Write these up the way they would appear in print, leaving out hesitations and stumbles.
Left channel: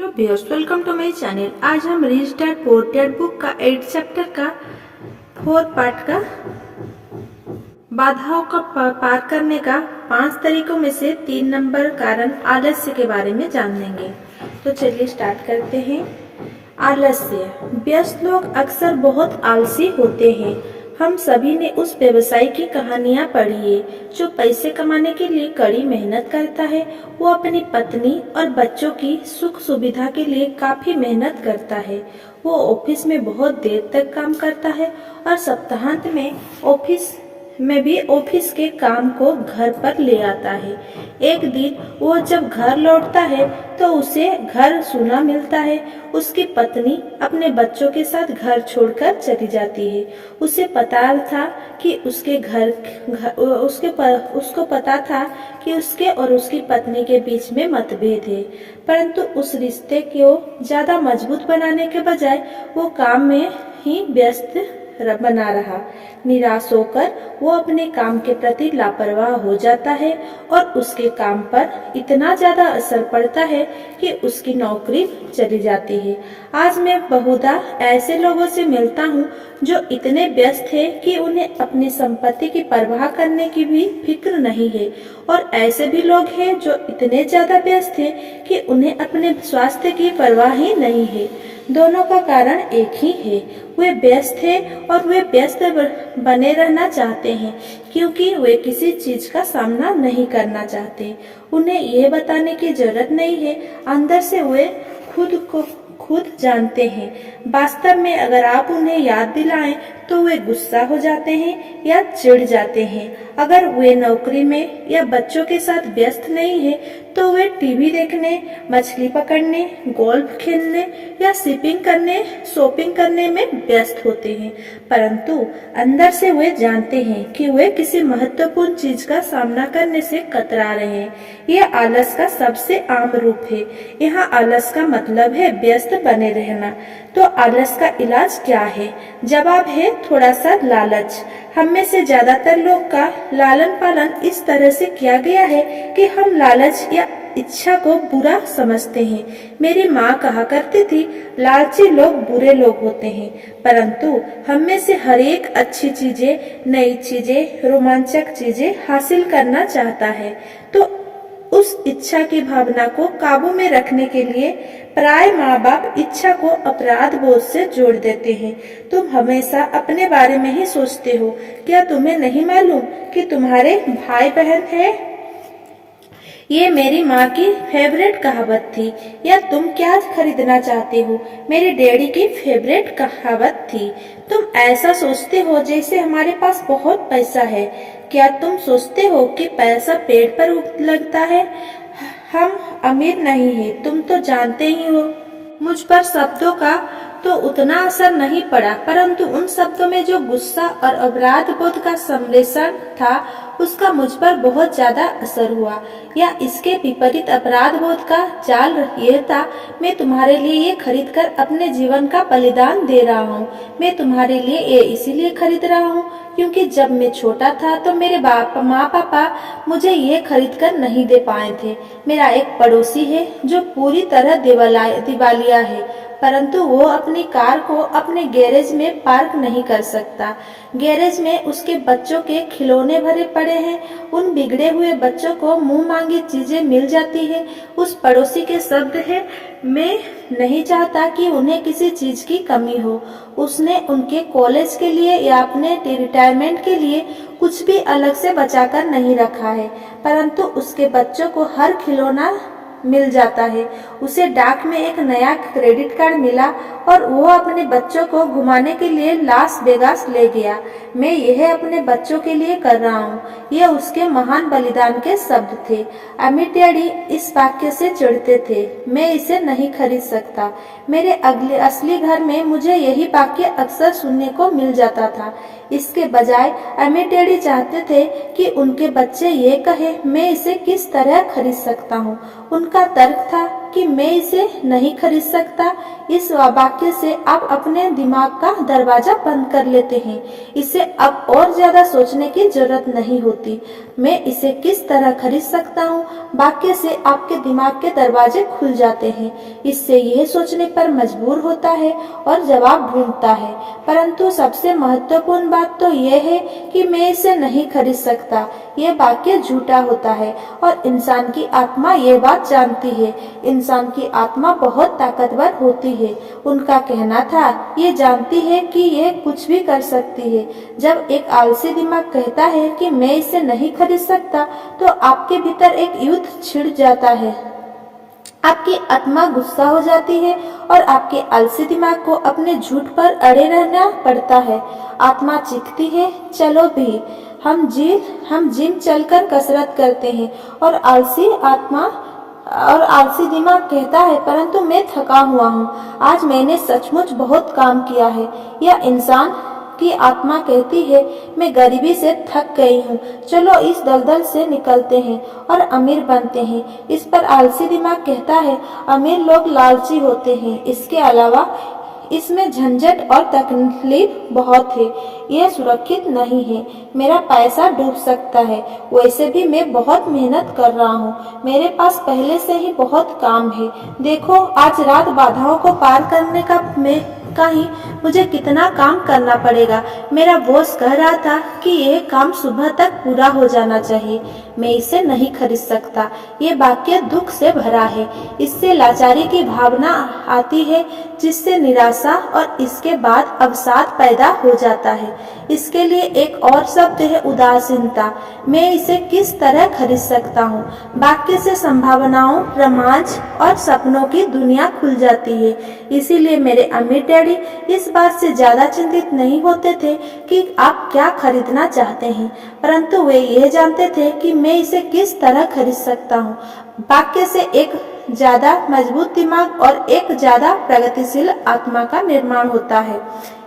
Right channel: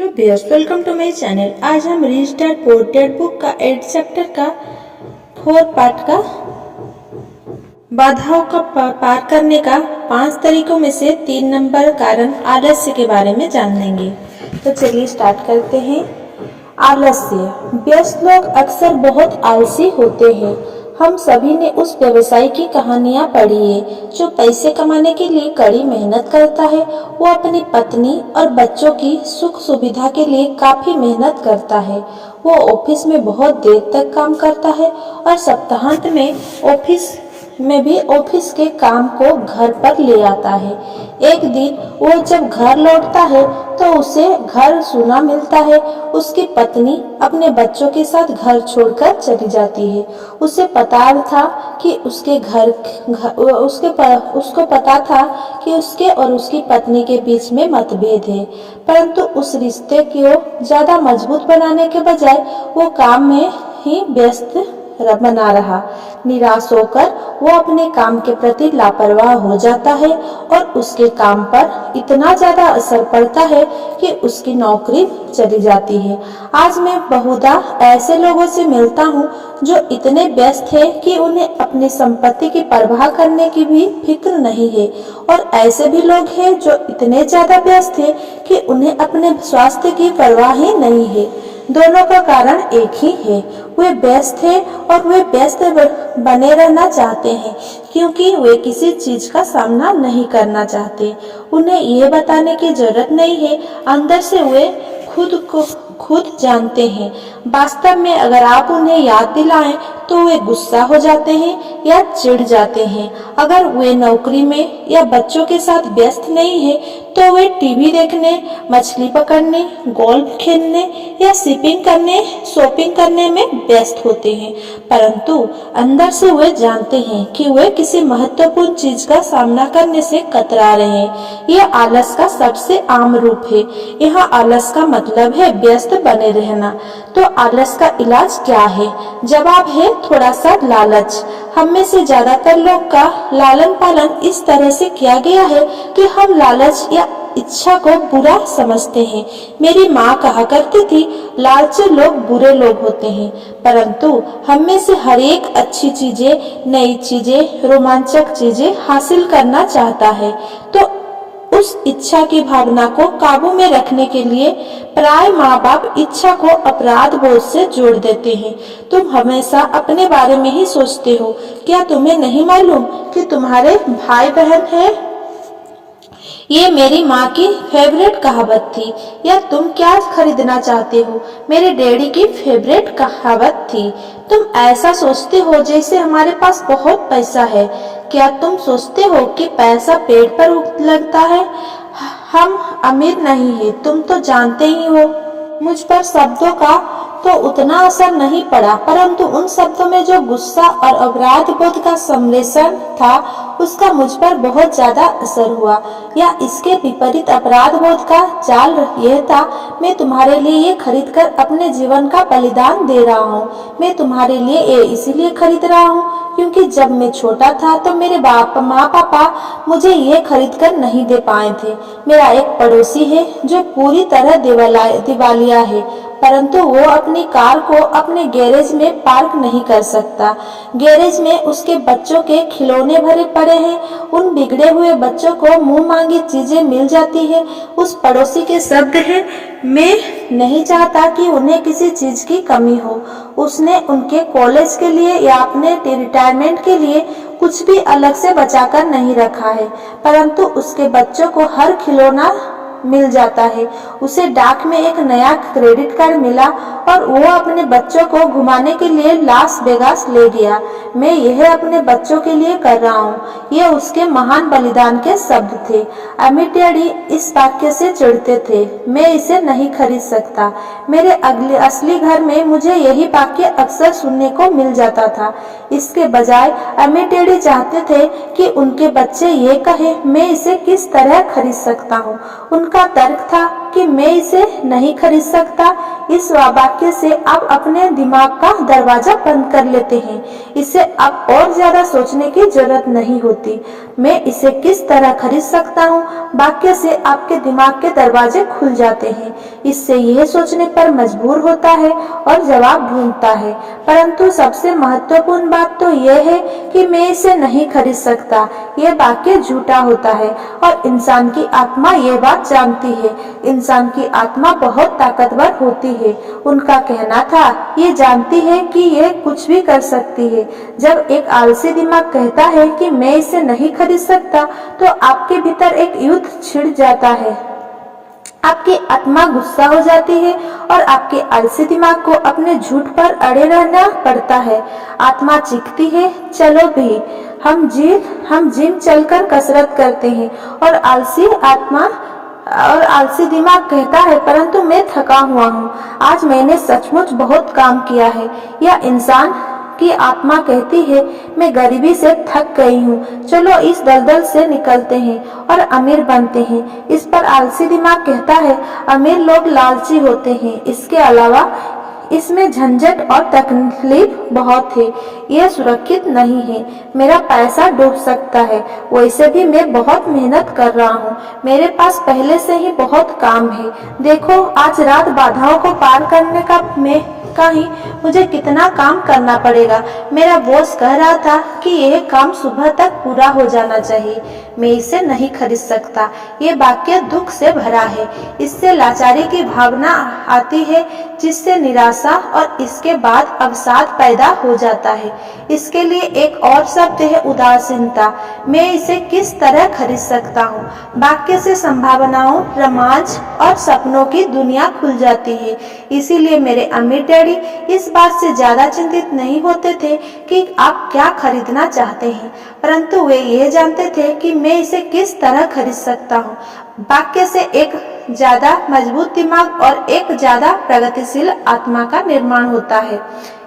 Hello viewers, welcome to my channel. आज हम register portrait book का 8 चैप्टर का 4 पार्ट का बाधाओं का पार करने का 5 तरीकों में से 3 नंबर कारण आलस्य के बारे में जान लेंगे। तो चलिए स्टार्ट करते हैं। आलस्य। व्यस्त लोग अक्सर बहुत आलसी होते हैं। हम सभी ने उस व्यवसायी की कहानियां पढ़ी है जो पैसे कमाने के लिए कड़ी मेहनत करता है। वो अपनी पत्नी और बच्चों की सुख सुविधा के लिए काफी मेहनत करता है। वो ऑफिस में बहुत देर तक काम करता है और सप्ताहांत में ऑफिस के काम को घर पर ले आता है। एक दिन वो जब घर लौटता है तो उसे घर सूना मिलता है। उसकी पत्नी अपने बच्चों के साथ घर छोड़कर चली जाती है। उसे पता था कि उसको पता था कि उसके और उसकी पत्नी के बीच में मतभेद है, परंतु उस रिश्ते को ज्यादा मजबूत बनाने के बजाय वो काम में ही व्यस्त बना रहा। निराश होकर वो अपने काम के प्रति लापरवाह हो जाता है और उसके काम पर इतना ज्यादा असर पड़ता है कि उसकी नौकरी चली जाती है। आज मैं बहुधा ऐसे लोगों से मिलता हूँ जो इतने व्यस्त है कि उन्हें अपनी संपत्ति की परवाह करने की भी फिक्र नहीं है, और ऐसे भी लोग हैं जो इतने ज्यादा व्यस्त है कि उन्हें अपने स्वास्थ्य की परवाह ही नहीं है। दोनों का कारण एक ही है, वे व्यस्त है और वे व्यस्त बने रहना चाहते हैं क्योंकि वे किसी चीज का सामना नहीं करना चाहते। उन्हें ये बताने की जरूरत नहीं है, अंदर से वे खुद जानते हैं। वास्तव में अगर आप उन्हें याद दिलाएं तो वे गुस्सा हो जाते हैं या चिढ़ जाते हैं। अगर वे नौकरी में या बच्चों के साथ व्यस्त नहीं है तो वे टीवी देखने, मछली पकड़ने, गोल्फ खेलने या शॉपिंग करने में व्यस्त होते हैं, परंतु अंदर से वे जानते हैं कि वे किसी महत्वपूर्ण चीज का सामना करने से कतरा रहे हैं। यह आलस का सबसे आम रूप है। यहाँ आलस का मतलब है व्यस्त बने रहना। तो आलस का इलाज क्या है? जवाब है थोड़ा सा लालच। हम में से ज्यादातर लोग का लालन पालन इस तरह से किया गया है कि हम लालच या इच्छा को बुरा समझते हैं। मेरी माँ कहा करती थी, लालची लोग बुरे लोग होते हैं, परंतु हम में से हर एक अच्छी चीजें, नई चीजें, रोमांचक चीजें हासिल करना चाहता है। तो उस इच्छा की भावना को काबू में रखने के लिए प्राय माँ बाप इच्छा को अपराध बोध से जोड़ देते हैं। तुम हमेशा अपने बारे में ही सोचते हो, क्या तुम्हें नहीं मालूम कि तुम्हारे भाई बहन है? ये मेरी माँ की फेवरेट कहावत थी। या तुम क्या खरीदना चाहते हो? मेरे डैडी की फेवरेट कहावत थी। तुम ऐसा सोचते हो जैसे हमारे पास बहुत पैसा है। क्या तुम सोचते हो कि पैसा पेड़ पर लगता है? हम अमीर नहीं है, तुम तो जानते ही हो। मुझ पर शब्दों का तो उतना असर नहीं पड़ा, परंतु उन शब्दों में जो गुस्सा और अपराध बोध का सम्मिश्रण था उसका मुझ पर बहुत ज्यादा असर हुआ। या इसके विपरीत अपराध बोध का जाल यह था, मैं तुम्हारे लिए ये खरीद कर अपने जीवन का बलिदान दे रहा हूँ। मैं तुम्हारे लिए ये इसीलिए खरीद रहा हूँ क्योंकि जब मैं छोटा था तो मेरे माँ पापा मुझे ये खरीद कर नहीं दे पाए थे। मेरा एक पड़ोसी है जो पूरी तरह दिवालिया है, परंतु वो अपनी कार को अपने गैरेज में पार्क नहीं कर सकता। गैरेज में उसके बच्चों के खिलौने भरे पड़े हैं। उन बिगड़े हुए बच्चों को मुंह मांगी चीजें मिल जाती है। उस पड़ोसी के शब्द हैं, मैं नहीं चाहता कि उन्हें किसी चीज की कमी हो। उसने उनके कॉलेज के लिए या अपने रिटायरमेंट के लिए कुछ भी अलग से बचाकर नहीं रखा है, परंतु उसके बच्चों को हर खिलौना मिल जाता है। उसे डाक में एक नया क्रेडिट कार्ड मिला और वो अपने बच्चों को घुमाने के लिए लास वेगास ले गया। मैं यह अपने बच्चों के लिए कर रहा हूँ। ये उसके महान बलिदान के शब्द थे। अमित डैडी इस वाक्य से चिढ़ते थे, मैं इसे नहीं खरीद सकता। मेरे असली घर में मुझे यही वाक्य अक्सर सुनने को मिल जाता था। इसके बजाय अमित डैडी चाहते थे कि उनके बच्चे ये कहे, मैं इसे किस तरह खरीद सकता हूँ। उनका उनका तर्क था कि मैं इसे नहीं खरीद सकता। इस वाक्य से आप अपने दिमाग का दरवाजा बंद कर लेते हैं। इसे अब और ज्यादा सोचने की जरूरत नहीं होती। मैं इसे किस तरह खरीद सकता हूँ वाक्य से आपके दिमाग के दरवाजे खुल जाते हैं। इससे यह सोचने पर मजबूर होता है और जवाब ढूंढता है। परंतु सबसे महत्वपूर्ण बात तो यह है कि मैं इसे नहीं खरीद सकता। यह वाक्य झूठा होता है और इंसान की आत्मा यह बात जानती है। इंसान की आत्मा बहुत ताकतवर होती है। उनका कहना था, ये जानती है कि यह कुछ भी कर सकती है। जब एक आलसी दिमाग कहता है कि मैं इसे नहीं खरीद सकता, तो आपके भीतर एक युद्ध छिड़ जाता है। आपकी आत्मा गुस्सा हो जाती है और आपके आलसी दिमाग को अपने झूठ पर अड़े रहना पड़ता है। आत्मा चीखती है, चलो भी, हम जिम चलकर कसरत करते हैं। और आलसी दिमाग कहता है, परंतु मैं थका हुआ हूँ, आज मैंने सचमुच बहुत काम किया है। या इंसान की आत्मा कहती है, मैं गरीबी से थक गई हूँ, चलो इस दलदल से निकलते हैं और अमीर बनते हैं। इस पर आलसी दिमाग कहता है, अमीर लोग लालची होते हैं, इसके अलावा इसमें झंझट और तकलीफ बहुत है, यह सुरक्षित नहीं है, मेरा पैसा डूब सकता है। वैसे भी मैं बहुत मेहनत कर रहा हूँ, मेरे पास पहले से ही बहुत काम है। देखो, आज रात बाधाओं को पार करने का ही मुझे कितना काम करना पड़ेगा। मेरा बॉस कह रहा था कि यह काम सुबह तक पूरा हो जाना चाहिए। मैं इसे नहीं खरीद सकता। ये वाक्य दुख से भरा है। इससे लाचारी की भावना आती है, जिससे निराशा और इसके बाद अवसाद पैदा हो जाता है। इसके लिए एक और शब्द है, उदासीनता। मैं इसे किस तरह खरीद सकता हूँ? वाक्य से संभावनाओं, रोमांच और सपनों की दुनिया खुल जाती है। इसीलिए मेरे अमीर डैडी इस बात से ज्यादा चिंतित नहीं होते थे कि आप क्या खरीदना चाहते हैं, परंतु वे ये जानते थे कि मैं इसे किस तरह खरीद सकता हूँ। वाक्य से एक ज्यादा मजबूत दिमाग और एक ज्यादा प्रगतिशील आत्मा का निर्माण होता है।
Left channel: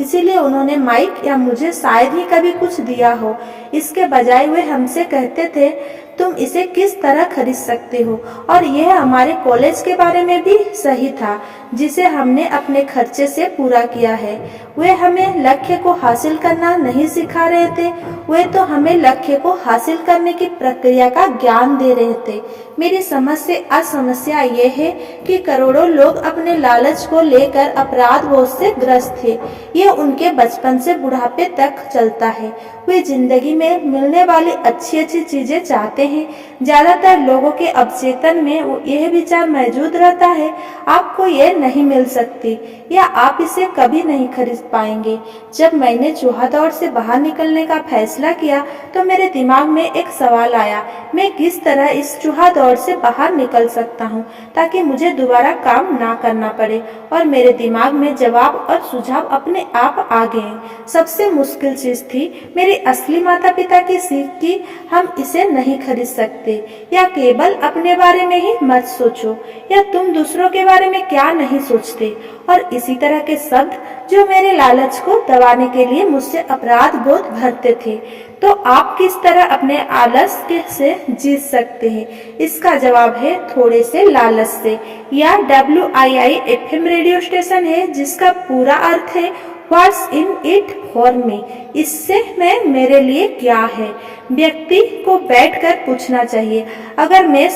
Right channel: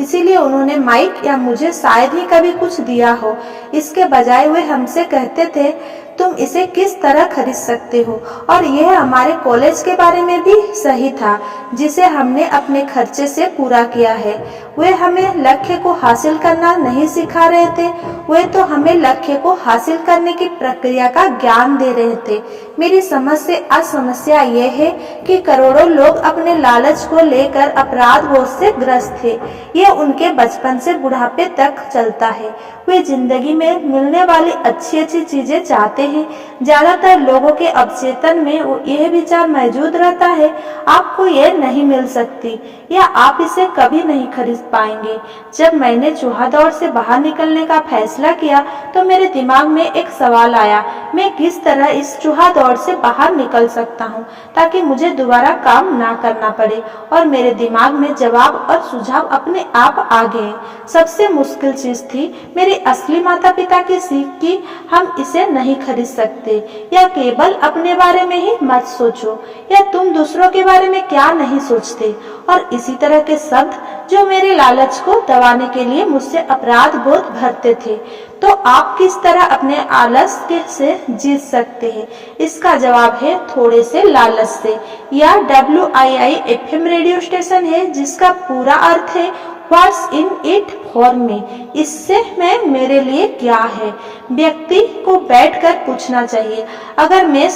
इसीलिए उन्होंने माइक या मुझे शायद ही कभी कुछ दिया हो। इसके बजाय वे हमसे कहते थे, तुम इसे किस तरह खरीद सकते हो। और यह हमारे कॉलेज के बारे में भी सही था, जिसे हमने अपने खर्चे से पूरा किया है। वे हमें लक्ष्य को हासिल करना नहीं सिखा रहे थे, वे तो हमें लक्ष्य को हासिल करने की प्रक्रिया का ज्ञान दे रहे थे। मेरी समझ से आज समस्या ये है कि करोड़ों लोग अपने लालच को लेकर अपराध बोझ से ग्रस्त थे। ये उनके बचपन से बुढ़ापे तक चलता है। वे जिंदगी में मिलने वाली अच्छी अच्छी चीजें चाहते हैं। ज्यादातर लोगों के अवचेतन में यह विचार मौजूद रहता है, आपको यह नहीं मिल सकती या आप इसे कभी नहीं खरीद पाएंगे। जब मैंने चूहा दौड़ से बाहर निकलने का फैसला किया, तो मेरे दिमाग में एक सवाल आया, मैं किस तरह इस चूहा दौड़ से बाहर निकल सकता हूँ ताकि मुझे दोबारा काम ना करना पड़े। और मेरे दिमाग में जवाब और सुझाव अपने आप आ गए। सबसे मुश्किल चीज थी मेरे असली माता पिता की सीख की, हम इसे नहीं खरीद सकते, या केवल अपने बारे में ही मत सोचो, या तुम दूसरों के बारे में क्या नहीं सोचते। और इसी तरह के शब्द जो मेरे लालच को दबाने के लिए मुझसे अपराध बोध भरते थे। तो आप किस तरह अपने आलस्य से जीत सकते हैं? इसका जवाब है थोड़े से लालच से। यह WIIFM रेडियो स्टेशन है, जिसका पूरा अर्थ है what's in it for me. इससे मैं मेरे लिए क्या है? व्यक्ति को बैठकर पूछना चाहिए, अगर मैं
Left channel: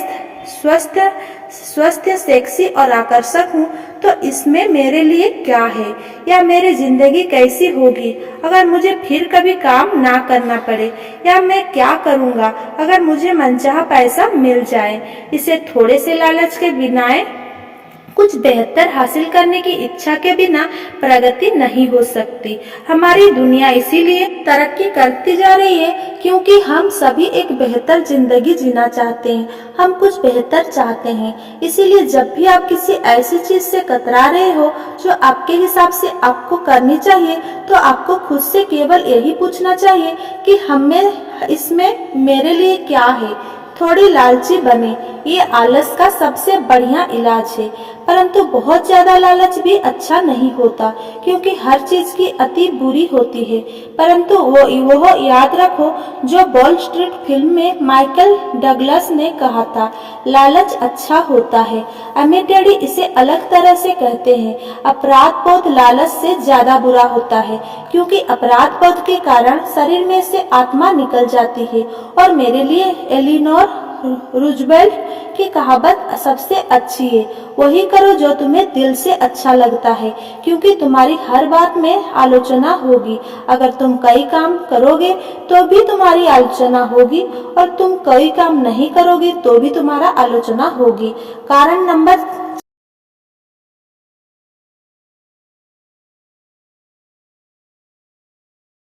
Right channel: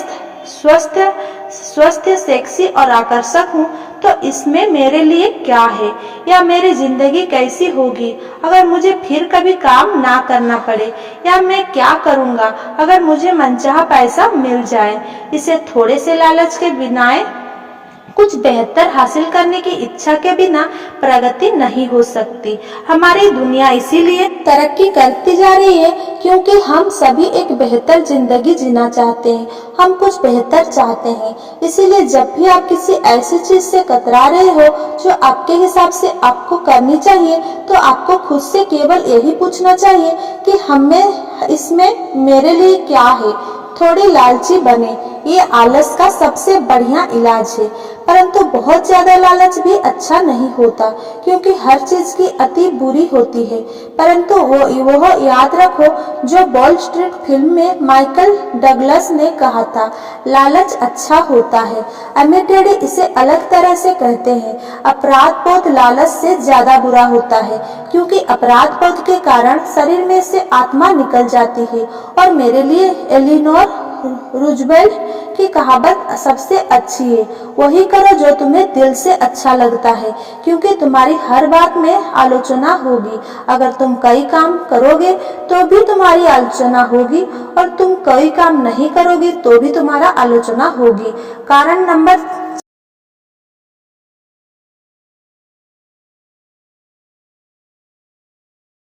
स्वस्थ, सेक्सी और आकर्षक हूँ, तो इसमें मेरे लिए क्या है? या मेरी जिंदगी कैसी होगी अगर मुझे फिर कभी काम ना करना पड़े? या मैं क्या करूँगा अगर मुझे मनचाहा पैसा मिल जाए? इसे थोड़े से लालच के बिना, कुछ बेहतर हासिल करने की इच्छा के बिना प्रगति नहीं हो सकती। हमारी दुनिया इसीलिए तरक्की करती जा रही है क्योंकि हम सभी एक बेहतर जिंदगी जीना चाहते हैं, हम कुछ बेहतर चाहते हैं। इसीलिए जब भी आप किसी ऐसी चीज से कतरा रहे हो जो आपके हिसाब से आपको करनी चाहिए, तो आपको खुद से केवल यही पूछना चाहिए कि इसमें मेरे लिए क्या है। थोड़ी लालची बने, ये आलस का सबसे बढ़िया इलाज है। परंतु बहुत ज्यादा लालच भी अच्छा नहीं होता, क्योंकि हर चीज की अति बुरी होती है। परंतु वह याद रखो जो वॉल स्ट्रीट फिल्म में माइकल डगलस ने कहा था, लालच अच्छा होता है। अमीर डैडी इसे अलग तरह से कहते हैं, अपराध बोध लालच से ज्यादा बुरा होता है, क्योंकि अपराध बोध के कारण शरीर में से आत्मा निकल जाती है। और मेरे लिए एलिनोर रूजवेल्ट की कहावत सबसे अच्छी है, वही करो जो तुम्हें दिल से अच्छा लगता है, क्योंकि तुम्हारी हर बात में आलोचना होगी। अगर तुम कई काम करोगे तो भी तुम्हारी आलोचना होगी, और तुम कई काम नहीं करोगे तो भी तुम्हारा आलोचना होगी। कारण नंबर